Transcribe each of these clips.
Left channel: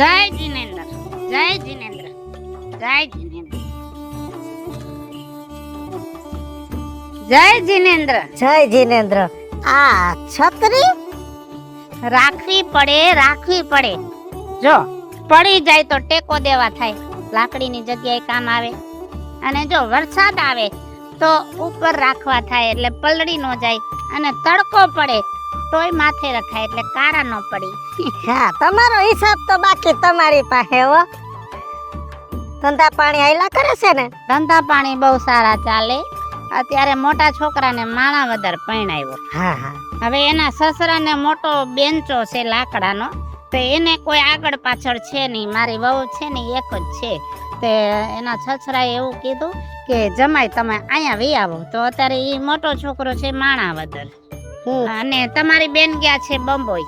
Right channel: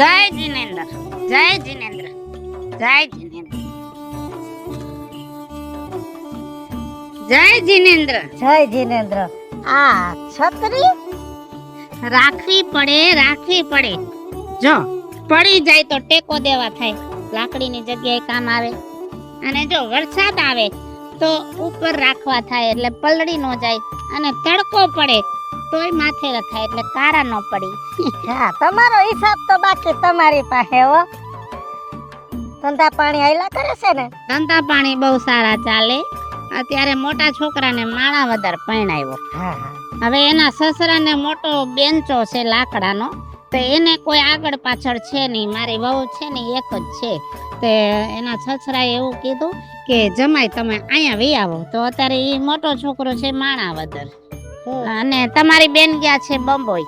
જય જીનેન્દ્ર, જય જીનેન્દ્ર, જય જીનેન્દ્ર, જય જીનેન્દ્ર, જય જીનેન્દ્ર. આ છત્રી રાખવી પડે. જો પડી જાય તો ટેકો દેવા થાય, લાકડીની જગ્યાએ કામ આવે. અને જો વરસાદ આવે તો ઉપર રાખવા થાય એટલે પલળી ન જાય. અને તડકો પડે તોય માથે રખાય એટલે કારા ન પડી. હા, તમારો હિસાબ તો બાકી તમારી પાસે હો. ધંધા પાણી આયલા કરે છે ને? ધંધા પાણી બહુ સારા ચાલે. અત્યારે મોટા છોકરાને માણાવદર પરણાવ્યો. હા હા. હવે એના સસરાને મોટો બેન્ચો છે લાકડાનો, તો એને કોઈ આગળ પાછળ છે નહીં. મારી વહુ છે ને એક જ છે. તે એના સસરાએ એવું કીધું કે જમાઈ તમે અહીંયા વી આવો. તો અત્યારે એ મોટો છોકરો છે માણાવદર અને તમારી બેન ગયા છે બંબોઈ.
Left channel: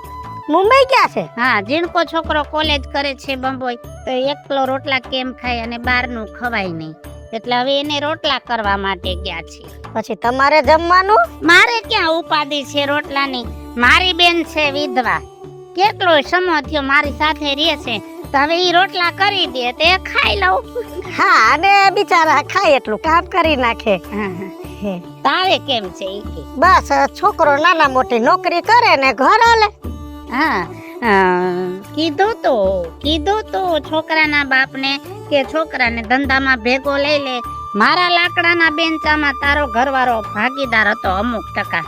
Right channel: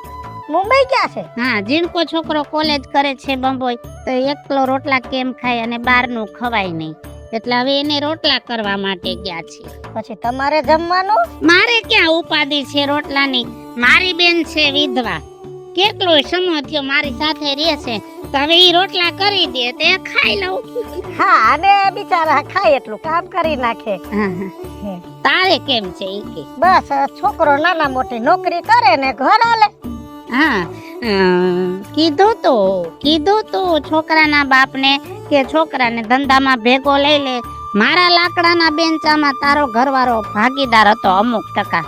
મુંબઈ ગયા છે? હા, જીણકો છોકરો કોલેજ કરે છે બંબોઈ. તો એકલો રોટલા કેમ ખાય અને બહારનું ખવાય નહીં, એટલે હવે એને રોટલા કરવા માટે ગયા છે. પછી તમારે જમવાનું? મારે ક્યાં ઉપાધિ છે રોટલાની. મારી બેન છે વિધવા, કેટલો સમય થયો મારી સાથે રહે છે. તો હવે ઈ રોટલા કરી દે તે ખાઈ લઉં. હા, અને બિચારા ખાય એટલું કામ કરી નાખે. તારે કેમ છે ઈ કે? બસ છોકરો નાના મોટી નોકરી કરે ને ઘર હાલે. હા, કીધું તો છોકરાના બાપને કે છોકરાને ધંધામાં ભેગો લઈ લે. મારા લાકડાના બેન્ચામાં તારો ઘરવાળો ભાગીદાર હતો અમુક ટકા.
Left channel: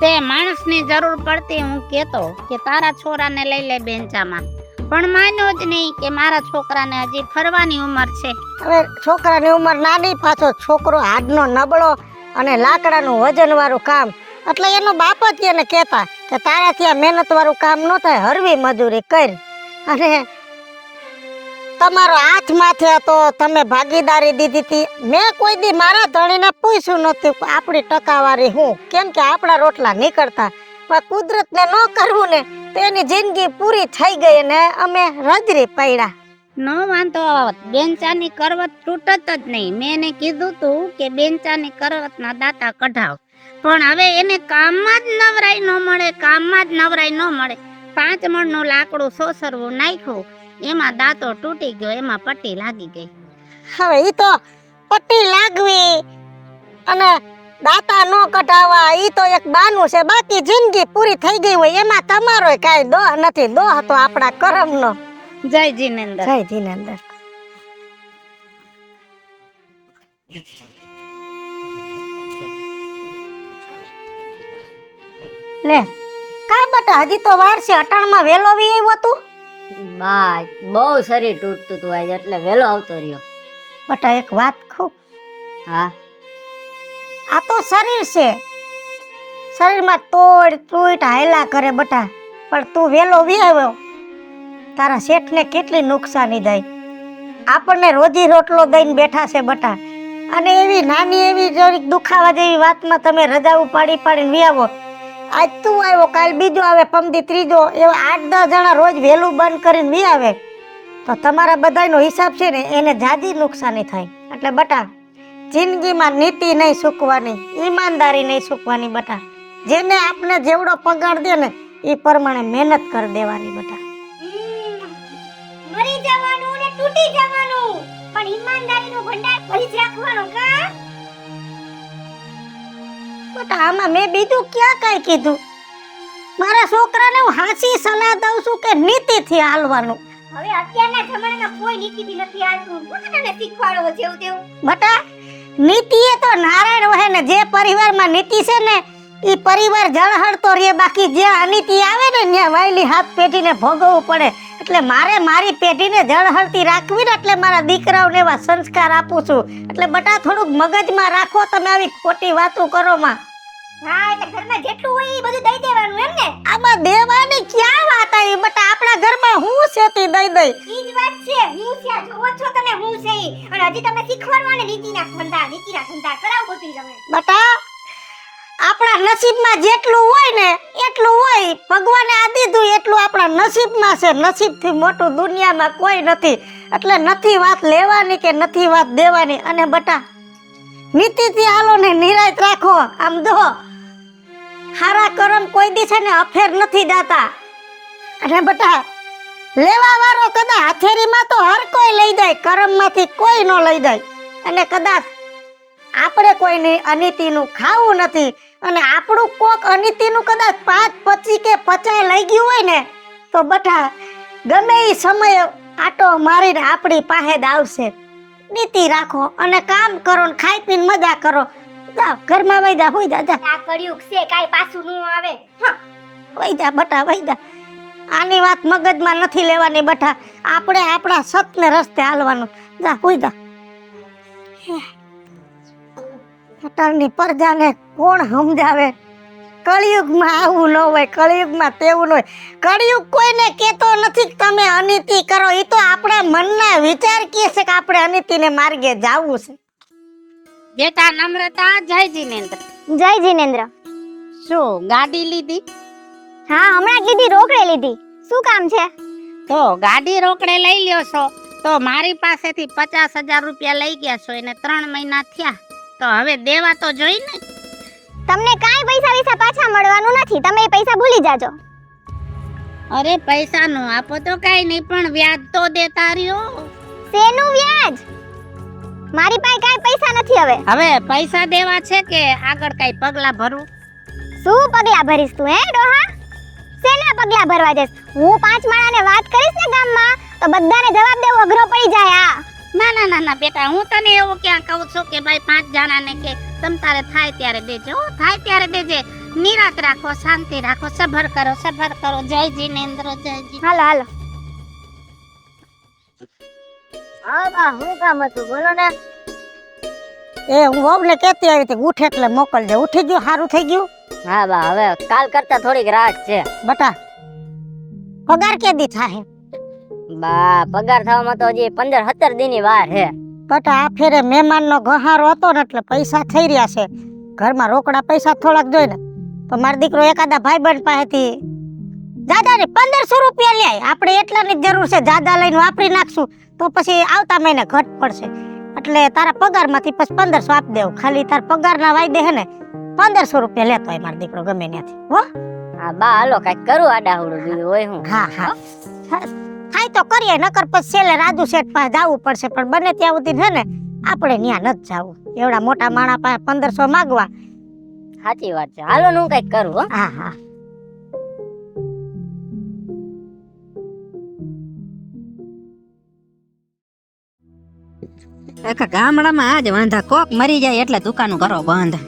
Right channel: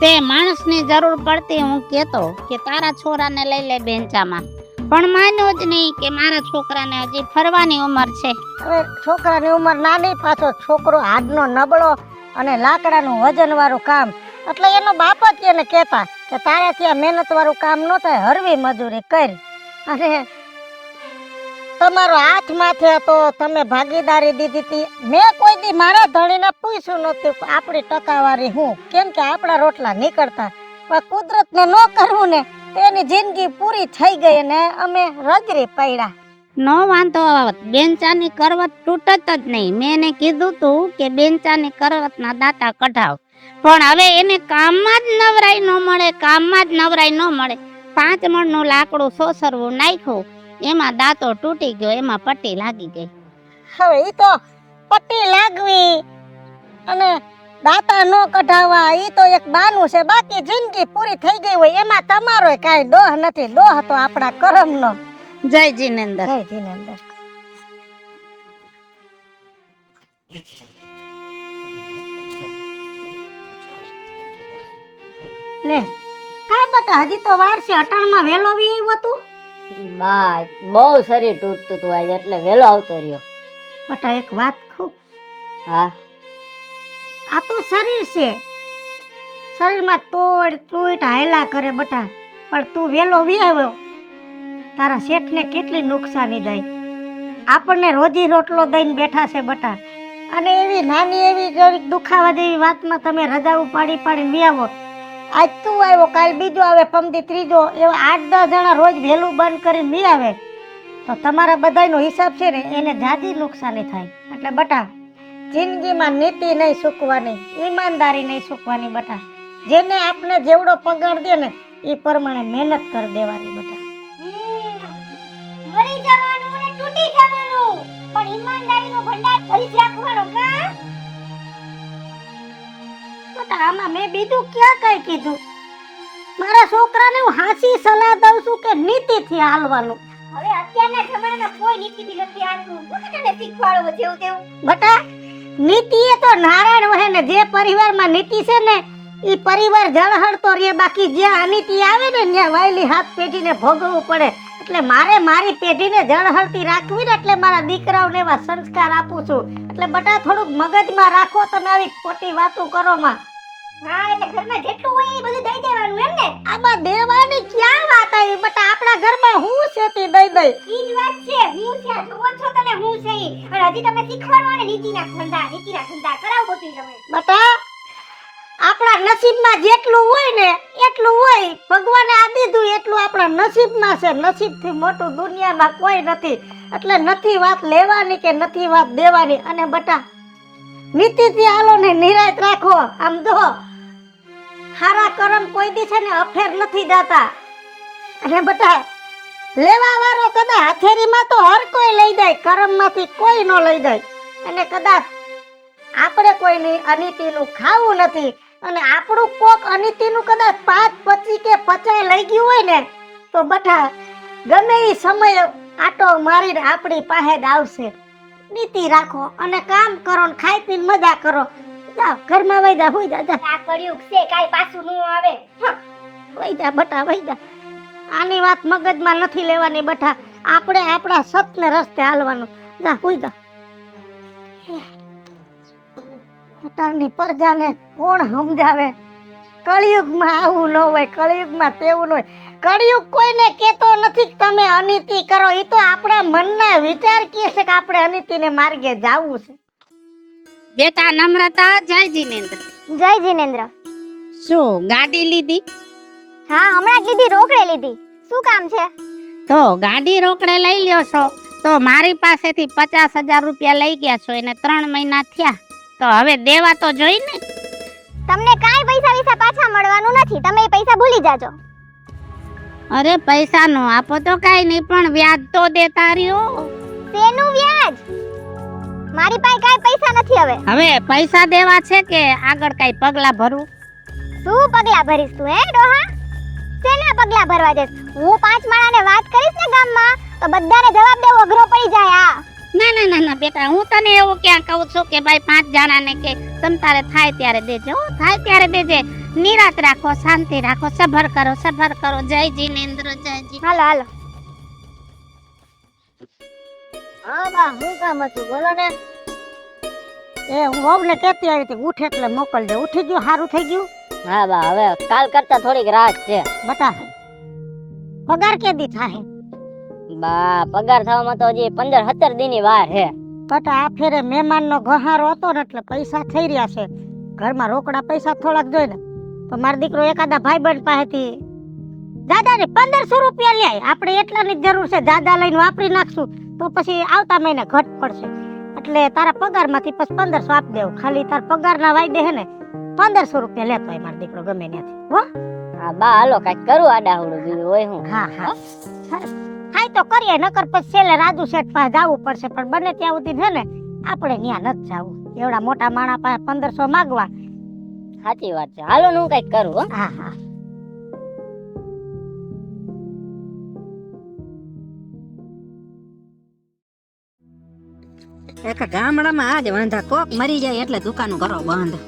તે માણસની જરૂર પડતી હું કહેતો કે તારા છોરાને લઈ લે બેન્ચામાં, પણ માન્યો જ નહીં કે મારા છોકરાને હજી ફરવાની ઉંમર છે. હવે છોકરાની ઉંમર નાની, પાછો છોકરો હાડનો નબળો અને લાકડાનું વજન વાળું કામ, એટલે એનો બાપ જ એને કહેતા કે તારાથી આ મહેનત વાળું કામ ન થાય, હરવી મજૂરી કર. અને તમારો હાથ માથે હતો, તમે ભાગીદારી દીધી હતી. મેં કોઈ દી મારા ધણીને પૂછ્યું નતું આપણી ટકાવારી હું, કેમ કે આપણા રોટલા નીકળતા. પણ કુદરતને ન કરવું ને તેની જિંદગી પૂરી થઈ ગઈ ને અમે રજરી પડ્યા. નો વાંધો આવત, બેન્ચાની કરવત તૂટત જ નહીં. મેં એને કીધું તું કે બેન્ચાની કરવતના દાંતા કઢાવ, પણ હવે એને કામમાં જ નવરાઈ ન મળે. 5 મણનું લાકડું સોસરવું નાખ્યું, એમાં દાંતો તૂટી ગયો, એમાં પટ્ટી લાગી ગઈ. હવે ઈ તો પટ્ટી લાગવી અને દાંતા નો કઢાવવા ઈ તો એક બાનું છે. બાકી જિંદગી પૂરી થઈ ગઈ હોય એમાં તમારોય કાંઈ દોહ નથી. દોહ તો આપણા કરમનો. જય જીનેન્દ્ર. જય જીનેન્દ્ર. લે કાઈ બટા, હજી તો વાર છે. અટાણમાં વેલો વી આવ્યો તું? બા બહુ શરીર તૂટતું હતું આજે, એટલે વેલો આવતો રહ્યો. બટા એક વાત કહું? હા. આ તો શરીર છે, શરીરમાં તૂટ હાયલા કરે બટા. પણ તું વેલો વી આવ્યો, તારા શેઠને કેટલી નુકસાની થાય. આપણને રોજી રોટલો દઈને બેઠા છે બટા, અને એવી નાની એવી જરીક દુખાવા જેવી વાતમાં તમે રજા પાડીને વી આવો. આજ તું આવ્યો, કાલ બીજો આવે, પમદી ત્રીજો, એવા 8-10 જણા રોજ વહેલું બંધ કરીને વી આવે તો તમારા બધાનો હિસાબ છે ને એને જાજી નુકસાની થાય. એટલે બટા જિંદગીમાં નીતિ નહીં ચૂકવાની, ઈમાનદારી નહીં ચૂકવાની બટા. જેને આપણે જેવડો પગાર દે ને એ પ્રમાણે મહેનત કરી દેવાની બટા. મરી જવાનું ને તૂટી જવાનું, પણ ઈમાનદારીનો ભંડાર ભરી જ રાખવાનો. કા બટા આમાં મેં બીજું ક્યાં કાંઈ કીધું? મારા છોકરાને હું હાચી સલાહ દઉં છું કે નીતિથી હાલવાનું. હવે અત્યારના જમાનામાં કોઈ નીતિથી નથી આવતું. હું તને શીખવાડો જેવું તેવું. બટા નીતિ એ તો નારાયણ વહે ને, જે પરિવારમાં નીતિ છે ને એ પરિવાર જળહળતો રહે. બાકી જે અનીતિ આવે ને ત્યાં વાયલી હાથ પેઢીને ભોગવવું પડે. એટલે મારે મારી પેઢીને જળહળતી રાખવી ને, એટલે મારા દીકરાઓને એવા સંસ્કાર આપું છું. એટલે બટા થોડુંક મગજમાં રાખો, તમે આવી ખોટી વાતો કરો માં. હા, એટલે ઘરમાં જેટલું હોય એ બધું દઈ દેવાનું એમ ને? આમાં દેવાની ક્યાં વાત આવી બટા? આપણા ઘરમાં હું છેતી દઈ દઈ. ઈ જ વાત છે. હું છે જોવો છો તમે, હું છે ઈ. અને હજી તમે શીખવાડવાને નીતિના ધંધા કરાવો બધું તમે. બટા આપણા નસીબમાં જેટલું હોય ને એટલું હોય. ભગવાને આ દીધું એટલું આપણા નસીબમાં છે. નસીબથી મોટું દુનિયામાં કોઈ નથી. એટલે નથી વાત લેવાની કે નથી વાત દેવાની. અને બટા નીતિથી હાલો ને નિરાયત રાખો. આમ દો હારા કરમ કોઈ દી છે ને અફેર નથી જાતા. અને બટા લેવા વાળો કદાચ હથેળીમાં તો હર કોઈ લઈ જાય, કરમમાંથી કોઈ ન લઈ જાય. અને કદાચ આપણે કોઈની અનિતિનું ખાવું નથી અને આપણું કોક અનિતિનું કદાચ 5, 25 કે 50 લઈ ગયું હોય ને તો બટા ગમે એ સમય આટો મારીને આપણી પાસે જ આવશે. નીતિ રાખો અને કામ કરો ને ખાઈ પીને મજા કરો. જાઓ ઘરમાં વઈ જા, હુઈ જા, જા. આ કળિયુગ છે, કાંઈ પાછું ન આવે. વઈ જા બટા, વઈ જા. આની વાત મગજમાં નથી લેવાની બટા. આપણે આપણા સતને રસ્તે હાલવાનું. જા હુઈ જા. અટાણની પ્રજાને કોણ સમજાવે? કળિયુગમાં આવું ન હોય, કળિયુગમાં તેવું ન હોય. કળિયુગ કોઈને કહેતો નથી કે તમે અનિતિ કરો. એ તો આપણા મનના વિચાર કહે છે કે આપણે અનિતિને માર્ગે જાવું છે. બેટા નમ્રતા, જય જીનેન્દ્ર. જય જીનેન્દ્ર. શું ગાડી લીધી? હા, હમણાં જ લીધી, રોકડે લીધી. શું કામ છે? તો ગાડી રોકડે લઈ લ્યો છો તો મારી પાસેથી 50,000 રૂપિયા લઈ ગયા છો, એને 3 મહિના થયા, તો હવે દેવા તો જોઈ ને. તમને કાંઈ પૈસા વિશે પાછા મળવાનું નથી, તમે એ પૈસા ભૂલી જાજો. અરે પૈસા નો આપો તો કાઈ નહીં, પણ વ્યાજ તો દેતા રહ્યો. શેનું વ્યાજ? મારી પાસે કાંઈ પૈસા નથી હવે. હવે પૈસા દેવા છે કે આગળ કાઈ પગલા ભરવું? શું પગલા ભરીશ તું હે ડોહા? શેના પગલા ભરવા જઈશ? હું 5 માણાને વાત કરીશ ને ગામમાં તો બધાને જવાબ દેવો અઘરો પડી જાય. ના ના ના ના બેટા, હું તને એવું ક્યાં કહું છું કે ભાઈ 5 જણાને કે તમ તારે થાય ત્યારે દેજે. હો, થાય ત્યારે દેજે. નિરાત રાખો, શાંતિ રાખો, સબર કરો, સબર કરો. જય જીનેન્દ્ર, જય જી. હાલો હાલો. હા બા, શું કામ હતું બોલો ને. એ હું વહુને કહેતી આવી હતી ઉઠે એટલે મોકલજે. ઉઠી ગયું? સારું થઈ ગયું? હા બા, હવે કાલ કરતા થોડીક રાહત છે. બટા પગાર કેદી થાય? બા પગાર થવામાં તો હજી 15-17 દિનની વાર છે. બટા આ ફેરે મહેમાનનો ગહારો હતો ને એટલે પૈસા થઈ રહ્યા છે. ઘરમાં રોકડા પૈસા થોડાક જોઈ ને તો મારો દીકરો એકાદા ભાઈબંધ પાસેથી જાદા ને 1500 રૂપિયા લે. આપણે એટલાની જ જરૂર છે, જાદા લઈને વાપરી નાખશું તો પછી આવતા મહિને ઘટ પડશે. એટલે તારા પગારમાંથી પછી 1500 આપી દેવું. ખાલી તાર પગારના વાયદે હે ને 1500 રૂપિયા લેતો હોય મારો દીકરો ગમે ત્યાંથી. હો હા બા, હાલો કાંઈક કરું આડાહુડું, બીજું હોય હું. હા હા થાય તો કરીએ, નકર પછી છેલ્લે રાજુ શેઠ પાસે જવું પડશે. પણ બને ત્યાં સુધી છે ને આપણે ત્યાં નથી જવું. એવડા મોટા માણા પાસે 1500 માંગવા. સાચી વાત છે. હાલો ને હું કાંઈક કરું. હો હા હા આખા ગામડામાં આજ વાંધા, કોક મરી જાય એટલે દુકાનો કરો બંધ.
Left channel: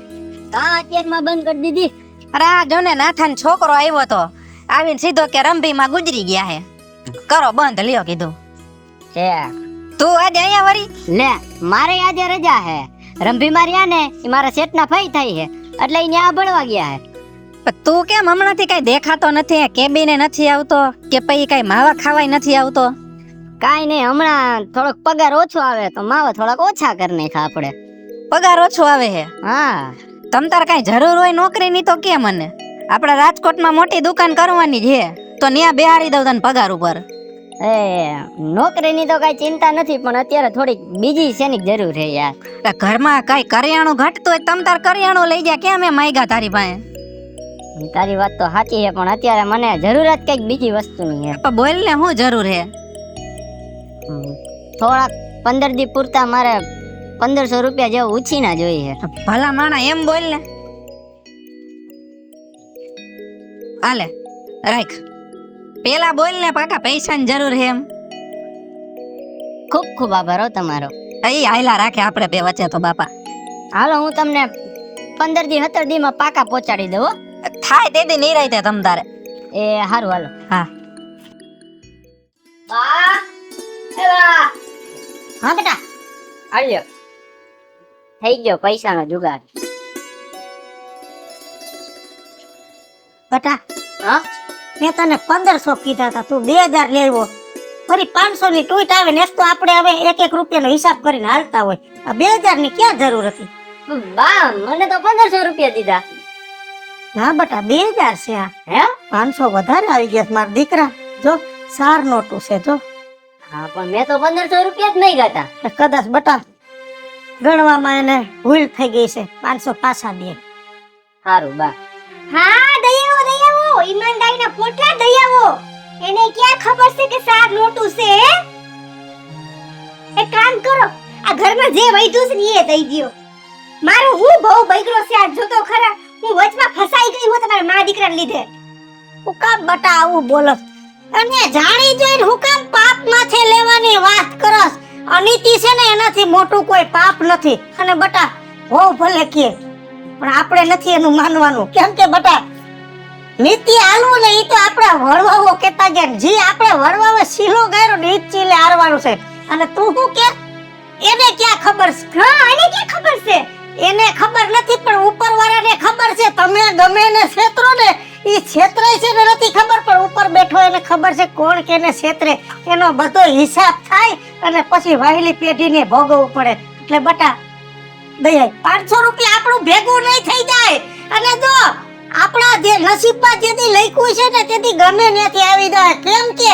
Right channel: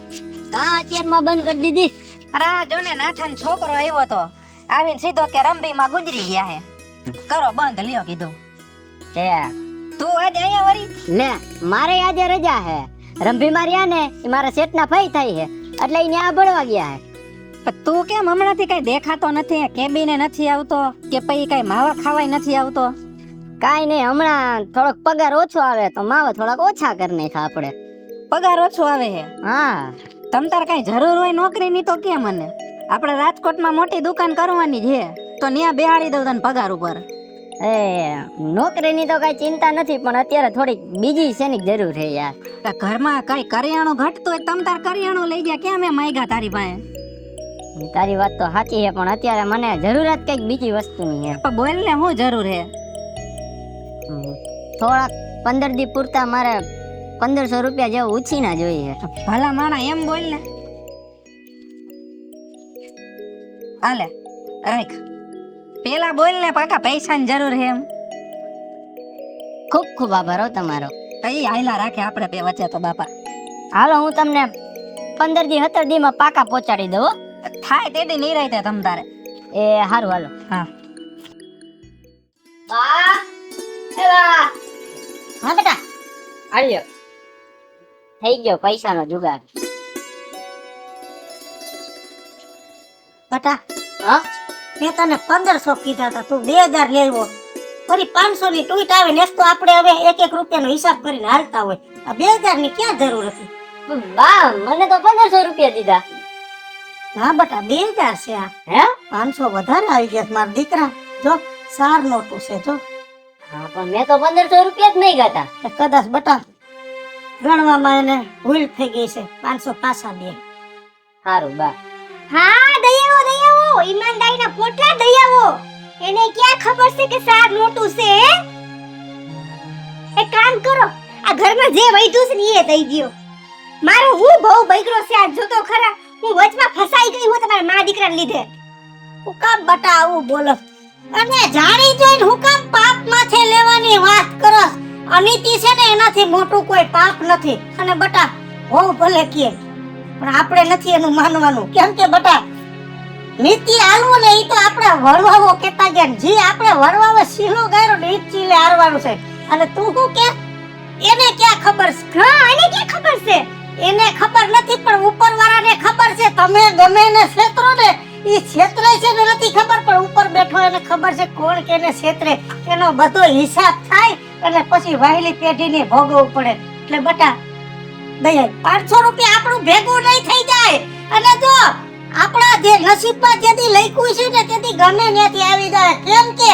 તા અત્યારમાં બંધ કરી દીધી. અરે આ જો ને નાથાનો છોકરો આવ્યો તો, આવીને સીધો કે રંભીમાં ગુજરી ગયા હે, કરો બંધ લ્યો કીધું. છે તું આજે અહીંયા વળી? લે, મારે આજે રજા હે. રંભી માર્યા ને ઈ મારા શેઠના ફઈ થઈ હે એટલે ઈ ન્યા ભણવા ગયા હે. પણ તું કેમ હમણાંથી કઈ દેખાતો નથી? કેબિને નથી આવતો કે પછી કઈ માવા ખાવાય નથી આવતો? કાઈ નહીં, હમણાં થોડોક પગાર ઓછો આવે તો માવા થોડાક ઓછા કરી નાખા આપણે. પગાર ઓછો આવે હે? હા, તમ તાર કઈ જરૂર હોય નોકરીની તો કે મને. આપણા રાજકોટમાં મોટી દુકાન કરવાની છે તો ન્યા બેહાડી દઉં તને પગાર ઉપર. એ નોકરીની તો કઈ ચિંતા નથી, પણ અત્યારે થોડીક બીજી શેની જરૂર છે યાર. એટલે ઘરમાં કઈ કરિયાણું ઘટતું હોય તમ તાર કરિયાણું લઈ જા. કેમ એ માગ્યા તારી પાસે? તારી વાત તો સાચી છે, પણ અત્યારે મને જરૂરત કઈક બીજી વસ્તુની છે. તો બોલ ને, શું જરૂર હે? થોડાક 15 દી પૂરતા મારે 1500 રૂપિયા જેવું ઉછીના જોઈએ. ભલા માણા એમ બોલ ને. હાલે રાખ, પેલા બોલ ને પાકા પૈસાની જરૂર હે એમ. ખૂબ ખૂબ આભાર હો તમારો. એ હાયલા રાખે આપણે બે વચ્ચે તો બાપા. હાલો હું તમને 15 દી 17 દી માં પાકા પહોંચાડી દઉં. થાય તે દી નિરાયતે તમ તારે. એ હારું હાલો. હા બા, એ બા, હા બેટા આલ્યો. થઈ ગયો પૈસાનો જુગાડ. બેટા હા, મેં તને 1500 કીધા હતા, તું 2000 લેવો. ફરી 500 ની ટૂટ આવે ને તો આપણે હવે 1-1 રૂપિયાનો હિસાબ કરીને હાલતા હોય. આ 2000 ની ક્યાં જરૂર હતી? બા મને તો 1500 રૂપિયા દીધા. હા બેટા 2000 છે આ. હે? 500 વધારે આવી ગયા મારા દીકરા. જો 4 નોટું છે જો. હા, પણ મેં તો 1500 રૂપિયા જ નહીં ગાતા. કદાચ બેટા ગણવામાં એને ભૂલ થઈ ગઈ છે. 500 પાછા દે. સારું બા. હા, દયાવો ઈમાનદારીના પોટલા દયાવો. એને ક્યાં ખબર છે કે શાક મોટું છે હે? એક કામ કરો, આ ઘરમાં જે વૈધું છે ને એ દઈ દ્યો. મારો હું બહુ બૈગરો છે આ જોતો ખરા. હું વચમાં ફસાઈ ગઈ હું તમારા મા દીકરાને લીધે. હું કામ બટા આવું બોલસ અને જાણી જોઈને હું કામ પાપ માથે લેવાની વાત કરસ? અનીતિ છે ને એનાથી મોટું કોઈ પાપ નથી. અને બટા હો ભલે કે પણ આપણે નથી એનું માનવાનું. કેમ કે બટા નીતિ હાલવું ને ઈ તો આપણા વડવાઓ કેતા ગયા. જે આપણે વડવાઓ સીલો ગાયરો ને ઈ જ ચીલે હારવાનું છે. અને તું શું કે એને ક્યાં ખબર છે? હા એને ક્યાં ખબર છે? એને ખબર નથી પણ ઉપરવાળાને ખબર છે. તમે ગમે ને છેતરો ને ઈ છેતરાય છે ને નથી ખબર પણ ઉપર બેઠો એને ખબર છે કોણ કેને છેતરે. એનો બધો હિસાબ થાય અને પછી વહેલી પેઢીને ભોગવવું પડે. એટલે બટા દયા 500 રૂપિયા આપણું ભેગું નહીં થઈ જાય. અને જો આપણા જે નસીબમાં જેથી લખ્યું છે ને તેથી ગમે ત્યાંથી આવી જાય. કેમ કે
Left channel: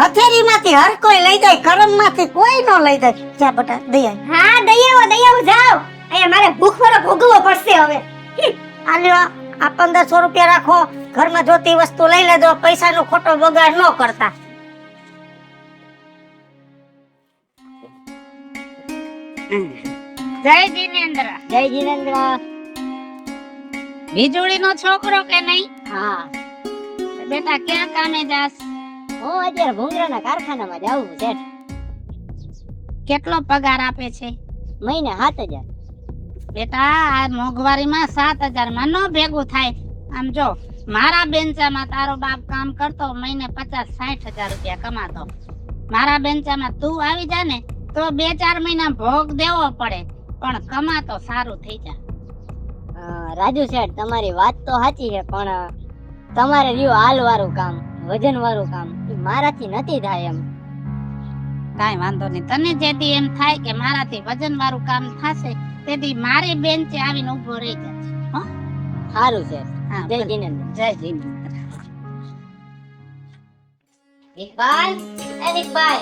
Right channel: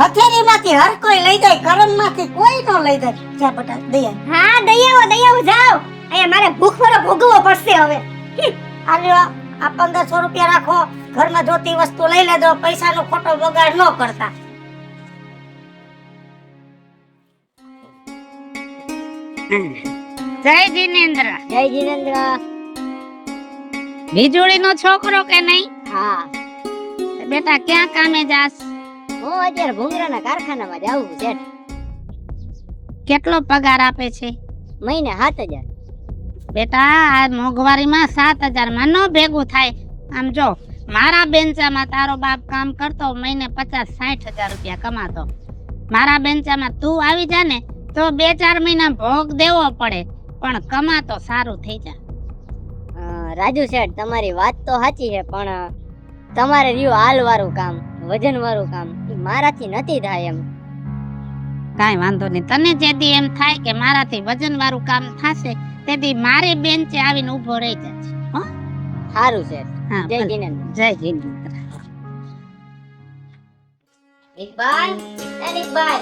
હથેળીમાંથી હર કોઈ લઈ જાય, કરમમાંથી કોઈ નો લઈ જાય. જા બટા દયા. હા દયાઓ જાઓ. અહીંયા મારે ભૂખ પર ભોગવવો પડશે હવે. આલ્યો આ 1500 રૂપિયા રાખો. ઘરમાં જોતી વસ્તુ લઈ લેજો. પૈસાનો ખોટો બગાડ ન કરતા. જય જીનેન્દ્ર. જય જીનેન્દ્ર. વીજળીનો છોકરો કે નહીં? હા, બેટા ક્યાં કામે જાસ? હું અત્યારે ભૂંગરાના કારખાનામાં જાઉં છું. કેટલો પગાર આપે છે? મહિને 7000. બેટા આ મોંઘવારીમાં 7000 માં ન ભેગું થાય. આમ જો મારા બેન્ચામાં તારો બાપ કામ કરતો મહિને 50-60 હજાર રૂપિયા કમાતો. મારા બેન્ચામાં તું આવી જા ને તો 2-4 મહિના ભોગ દેવો પડે પણ કમાતો સારું થઈ જા. રાજુ શેઠ, તમારી વાત તો સાચી છે પણ તમારે રહ્યું હાલ વાળું કામ, વજન વાળું કામ ઈ મારાથી નથી થાય એમ. કાંઈ વાંધો નહીં. તને જેથી એમ થાય કે મારાથી વજન વાળું કામ થશે તેથી મારી બેન્ચે આવીને ઊભો રહી જશે. હો સારું છે. હા, જય ભલે. જીનેન્દ્ર. જય જીનેન્દ્ર. ઇકબાલ, એ ઇકબાલ.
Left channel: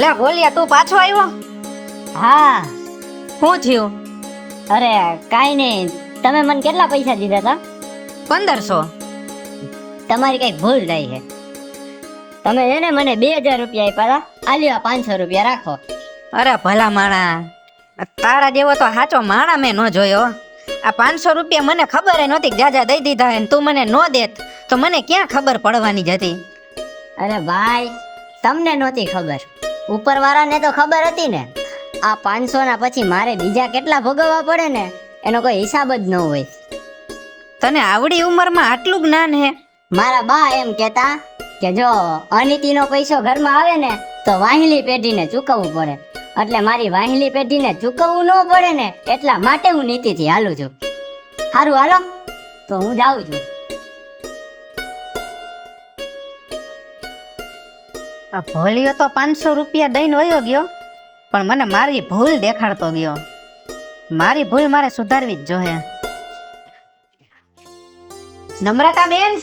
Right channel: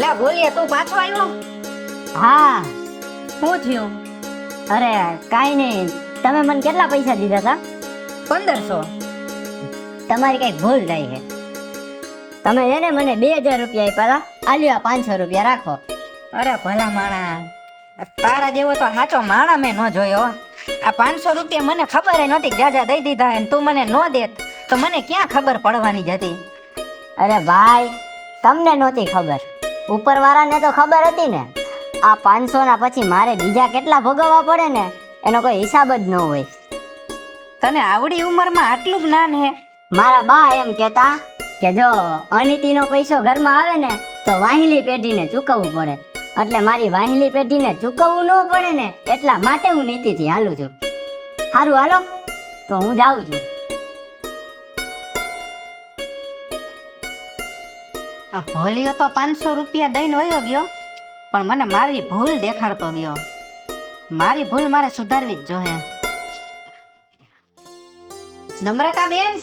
લે બોલિયા તું પાછો આવ્યો? હા, શું થયું? અરે કાઈ નહીં. તમે મને કેટલા પૈસા દીધા હતા? 1500. તમારી કઈક ભૂલ થઈ છે. તમે એને મને 2000 રૂપિયા આપ્યા હતા. આલ્યો 500 રૂપિયા રાખો. અરે ભલા માણા, તારા જેવો તો સાચો માણા મેં ન જોયો. આ 500 રૂપિયા મને ખબર નહોતી જાજા દઈ દીધા અને તું મને નો દેત તો મને ક્યાં ખબર પડવાની જ હતી. અરે ભાઈ, તમને નહોતી ખબર, ઉપરવાળાને તો ખબર હતી ને. આ 500 ના પછી મારે બીજા કેટલા ભોગવવા પડે ને એનો કોઈ હિસાબ જ ન હોય. તને આવડી ઉંમરમાં આટલું જ્ઞાન હે? મારા બા એમ કહેતા કે જો અનીતિનો પૈસો ઘરમાં આવે ને તો વાહિલી પેઢીને ચૂકવવું પડે. એટલે મારી વાહિલી પેઢીને ચૂકવવું ન પડે ને એટલા માટે હું નીતિથી હાલું છું. સારું હાલો તો હું જાઉં છું. આ ભોળિયો તો 500 રૂપિયા દઈને વયો ગયો પણ મને મારી ભૂલ દેખાડતો ગયો. મારી ભૂલ મારે સુધારવી જ જોઈએ. નમ્રતા બેન,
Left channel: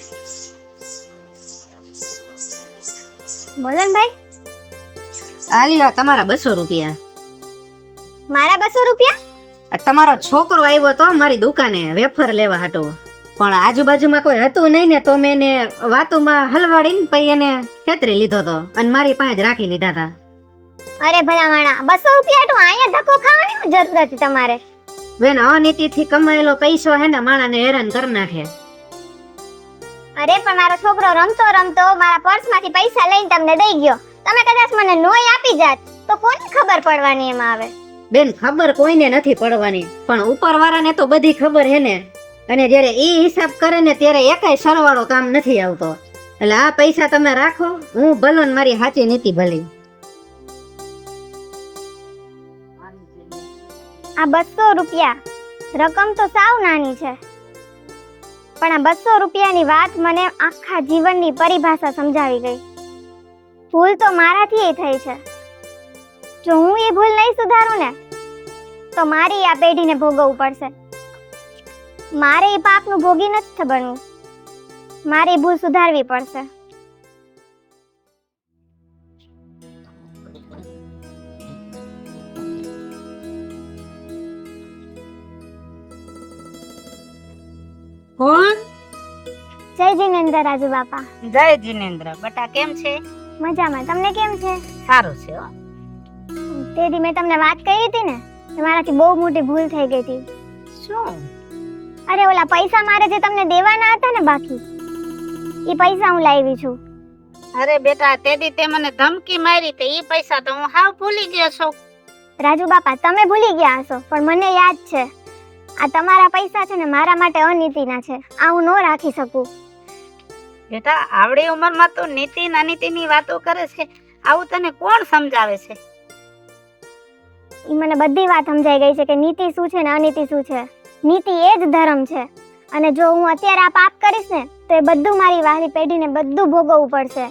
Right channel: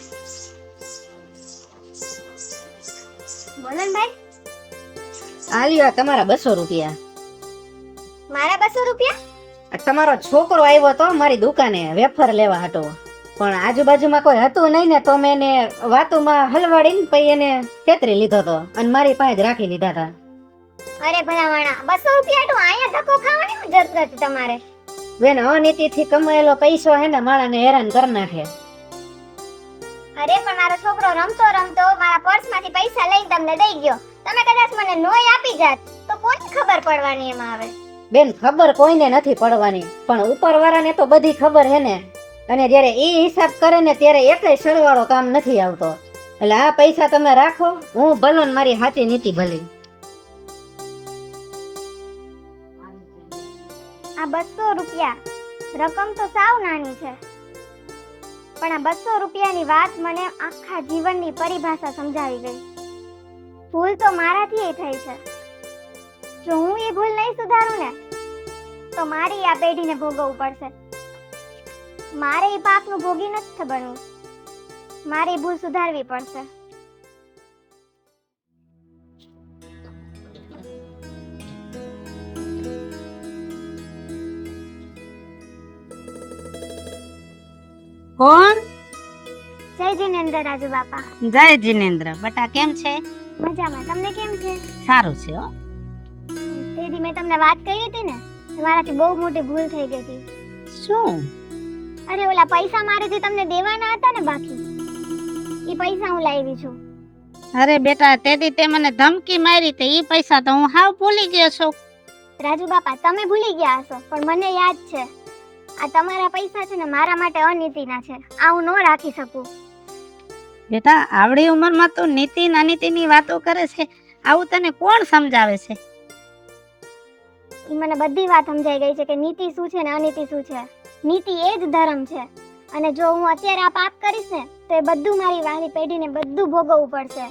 બોલો ને ભાઈ. આ લ્યો તમારા 200 રૂપિયા. મારા 200 રૂપિયા? આ તમારો છોકરો આવ્યો તો મારી દુકાને વેફર લેવા હતો પણ આજુબાજુમાં કોઈ હતું નહીં ને તો મેં એને વાતુમાં હલવાડીને પછી એને છેતરી લીધો તો અને મારી પાસે જ રાખી લીધા હતા. અરે ભલા માણા, 200 રૂપિયા તો અહીંયા ધક્કો ખાવાની જરૂર નથી તમારે. બેન, અનીતિથી કમાયેલો પૈસો હે ને માણાને હેરાન કરી નાખે. અરે પણ મારો છોકરો રમતો રમતો મારા પર્સમાંથી પૈસા લઈને તમને દઈ ગયો. તમે કદાચ મને નોય આપી જાત તો કોને ખબર પડવાની એમાં આવે? બેન, ખબર કોઈને નથી પડવાની પણ ઉપરવાળાને તો બધી ખબર હે ને. અને જ્યારે ઈ હિસાબ કરે ને ત્યારે એકેય સરવાળો કામ નથી આવતો. એટલે આ પૈસા તમે રાખો, હું ભલો ને મારી સાચી નીતિ ભલી. આ 200 રૂપિયા રકમ તો સાવ નાની છે પણ આ 200 રૂપિયાની વાત મને આખા જીવનની પરિભાષા સમજાવી ગઈ. ભૂલ તો મારાથી થઈ છે. જો હું એ ભૂલ નહીં સુધારું ને તો મારી આ પેઢીને ભોગવવું પડશે. મારે એ પાપનું ભોગી નથી બનવું. મારી ભૂલ સુધારવી પડશે. કોણ? જય જય જિનેન્દ્ર રાજુ બાપા. જય જીનેન્દ્ર. બટા કેમ છે? મજામાં. તમને કેમ છે? સારું છે હો. તે દી મેં તમને વાત કરી હતી ને, તો મારાથી બહુ મોટી ભૂલ થઈ ગઈ હતી. શું? અરે ઓલા પૈસા મારે જે તમને દેવાના હતા ને બાકી, એ પૈસા હું લાવી છું. અરે બેટા, તેથી તે મને ધમકી મારી તે ઈ પૈસા તો હું હાવ ભૂલી ગયો છું. રાજુ બાપા, તમે ભૂલી ગયા હશો, પણ મને યાદ છે. આ તમારા પૈસા છે ને મારા માટે અનીતિના છે. આ હું ન રાખી શકું. બેટા, આવડી ઉંમરમાં તું નીતિ અનીતિની વાતો કરે છે. આવું તને કોણ સમજાવે છે? ઈ મને બધી વાત સમજાઈ ગઈ છે કે નીતિ શું છે ને અનીતિ શું છે. નીતિ એ જ ધર્મ છે. અને જો હું અત્યારે આ પાપ કરીશ ને તો એ બધું મારી વાહલી પેઢીને બધું ભોગવવું પડશે,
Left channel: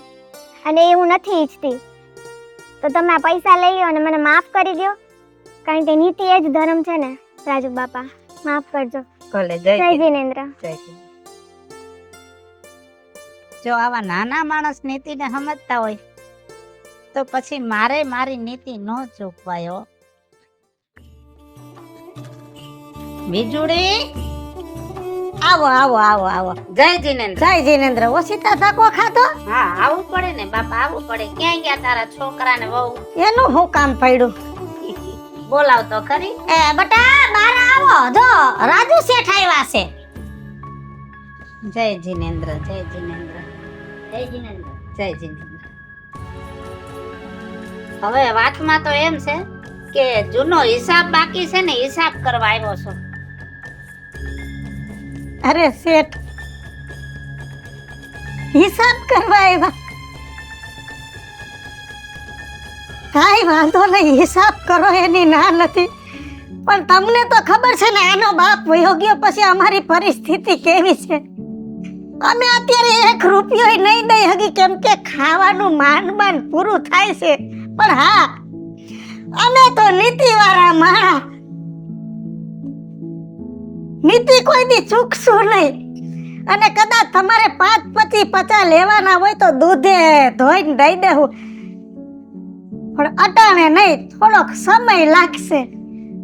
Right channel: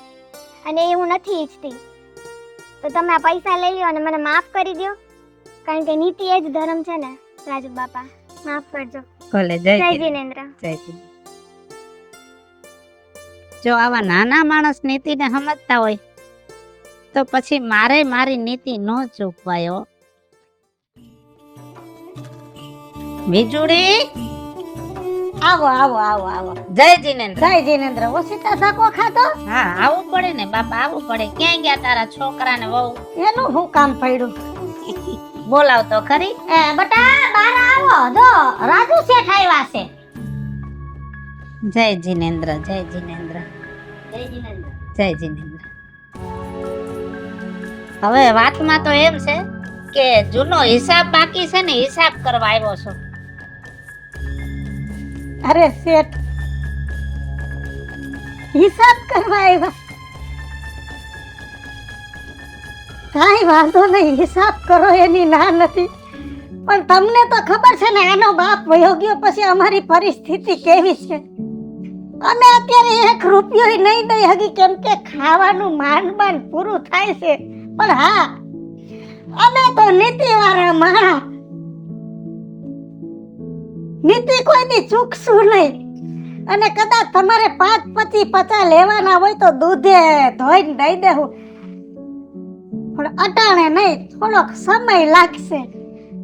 અને એ હું નથી ઈચ્છતી. તો તમે આ પૈસા લઈ લો અને મને માફ કરી દો, કારણ કે નીતિ એ જ ધર્મ છે ને. રાજુ બાપા, માફ કરજો. ભલે. જય જિનેન્દ્ર. જો આવા નાના માણસ નીતિને સમજતા હોય તો પછી મારે મારી નીતિ ન ચૂકવાયો. વીજળી, આવો આવો આવો આવો. જય જીનેન્દ્ર. જય જિનેન્દ્ર. ઓશિતા સાકો ખાતો? હા, આવવું પડે ને બાપા, આવવું પડે. ક્યાં ગયા તારા છોકરા ને વહુ? એનું હું કામ પડ્યું? બોલાવ તો ખરી. એ બટા, બહાર આવો. જો રાજુ શેઠ આવ્યા છે. જય જીનેન્દ્ર. જય જીનેન્દ્ર. જય જિનેન્દ્ર. જય જીનેન્દ્ર. હવે વાતમાં તો એમ છે કે જૂનો હિસાબ બાકી છે ને, હિસાબ કરવા આવ્યો છું. અરે શેઠ, હિસાબ કરવા આવ્યા? કાંઈ વાંધો નહીં, હિસાબ કરો એની ના નથી. પણ તમને તો ખબર છે ને એનો બાપ વયો ગયો પછી અમારી પરિસ્થિતિ કેવી છે. અમે અત્યારે 1 રૂપિયો નહીં દઈ હકી, કેમ કે ખાવાનું માંડ પૂરું થાય છે. પણ હા, અમે તો નીતિવાળા માણસ, નીતિ કોઈ દી ચૂકશું નહીં. અને કદાચ તમારે 5, 25, 50 લેવાના હોય તો દૂધે ધોઈને દઈ દેવું, પણ અટાણે નહીં, થોડોક સમય લાગશે.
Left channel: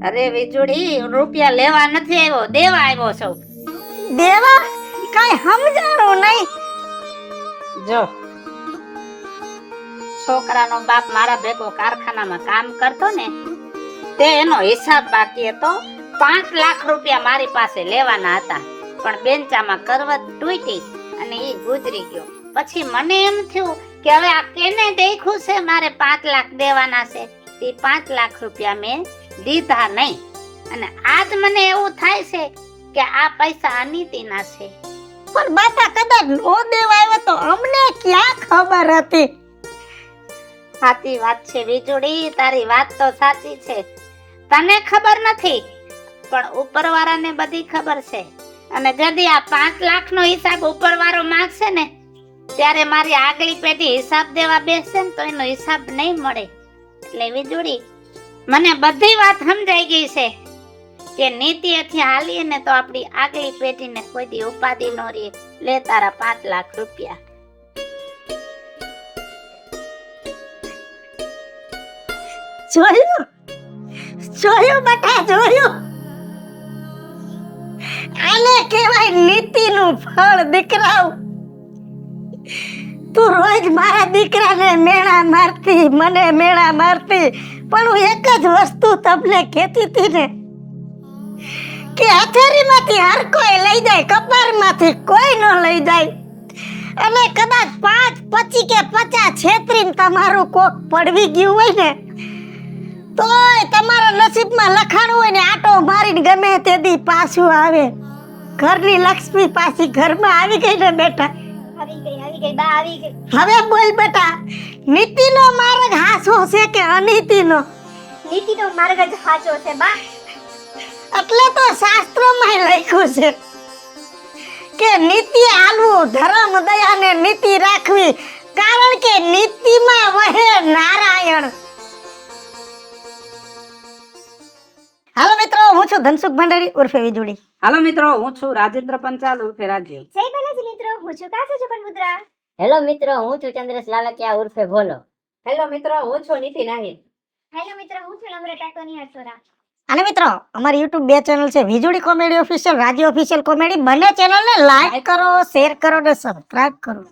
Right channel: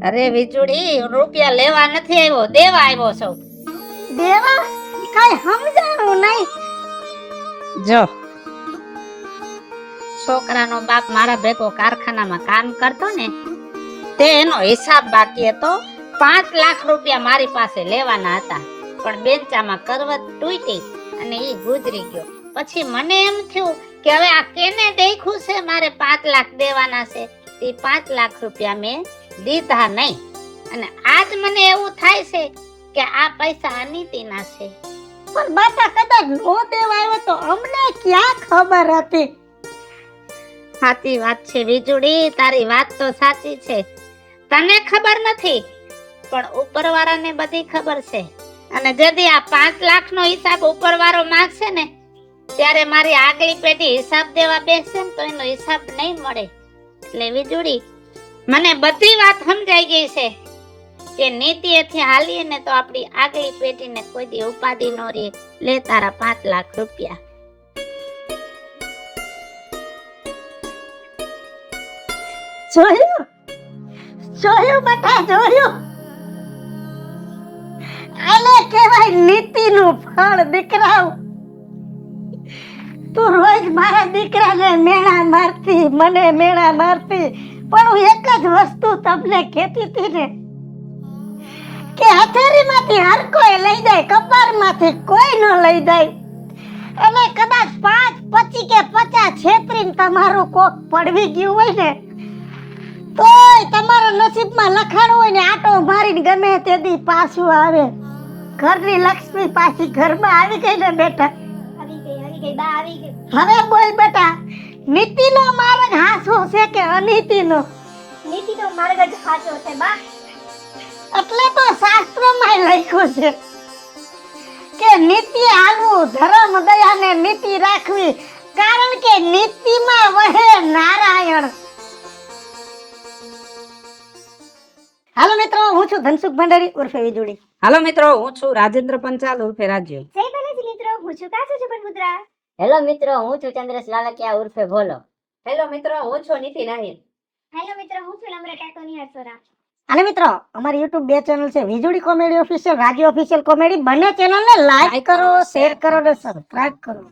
અરે વીજળી, રૂપિયા લેવા નથી આવ્યો, દેવા આવ્યો છું. દેવા? કઈ સમજાણું નહીં. જો છોકરાનો બાપ મારા ભેગો કારખાનામાં કામ કરતો ને, તે એનો હિસાબ બાકી હતો. 5 લાખ રૂપિયા મારી પાસે લેવાના હતા, પણ બેંચામાં કરવત તૂટી અને એ ગુજરી ગયો. પછી મને એમ થયું કે હવે આ કેને દેખ્યું છે મારે 5 લાખ દેવાના છે. તે 5 લાખ રૂપિયા મેં દીધા નહીં. અને આજ મને એવું થાય છે કે આ પૈસા અનીતિના છે. પણ બેટા, કદાચ નો દેવા આવ્યો તો અમને ક્યાં ખબર હતી? સાચી વાત છે વીજળી, તારી વાત તો સાચી છે. તને ખબર નથી, પણ ઉપરવાળાને બધી ખબર છે. અને જદી આ 5 લાખનો હિસાબ ઉપરવાળો માંગશે ને, ત્યારે મારી આગલી પેઢી હિસાબ દેવા બેસશે ને તો એનો હિસાબ નહીં મળે. એટલે વીજળી, મને બધી વાત સમજાઈ ગઈ છે કે નીતિએથી હાલીએ ને તો આપણી આગલી પેઢીને કોઈ દી ઉપાધિ ન રહે. લે તારા 5 લાખ રૂપિયા. જોયું જોયું બેટા, જોયું? આને કહેવાય નીતિનું ફળ. દીકરાઓ, તું રોજ મારા દીકરાને મેણા મારતી, મને મેણા મારતી, પણ હું એક જ વસ્તુ તમને કહેતી હતી ને કે હથેળીમાંથી હર કોઈ લઈ જાય, કપાળમાંથી કોઈ ન લઈ જાય. અને કદાચ 5, 25 કે 50 છેતરીને તમારું કોક પડવી ગયું હોય ને, તોય તમારા નસીબમાં લખાણું હોય ને, આટો મારીને ગમે તે દી પાછું આવે. ઘરની લક્ષ્મી પાછી ઘરમાં આવી ગઈ ને બેટા. આવી ગઈ બા, આવી ગઈ. હવે બોલ બેટા, નીતિનો માર્ગ હાચો છે કે અનીતિનો? નીતિનો માર્ગ જ સાચો છે બા. એટલે તો શાસ્ત્રોમાં લખ્યું છે કે નીતિ હાલવું, ધર્મ દયા ને નીતિ રાખવી, કારણ કે નીતિમાં વહે નારાયણ. હાલો મિત્રો, હું છું ધનસુખ ભંડારી ઉર્ફે વીજળી. હાલો મિત્રો, હું છું રાજેન્દ્ર પંચાલ ઉર્ફે રાજ્ય. જય બાલાજી મિત્રો, હું છું કાસુ જપનપુત્રા. હેલો મિત્રો, હું છું ચંદ્રેશ લાલકિયા ઉર્ફે ભોલો. હેલો મિત્રો, હું છું નીતિ નાહિર. હેલો મિત્રો, હું છું નમ્રતા કોની હરસોરા. અને મિત્રો અમારી YouTube 2 ચેનલ છે, વીજળી કોમેડી ઓફિશિયલ, રાજી ઓફિશિયલ કોમેડી. બંને ચેનલને લાઈક કરો, શેર કરો ને સબસ્ક્રાઇબ કરો.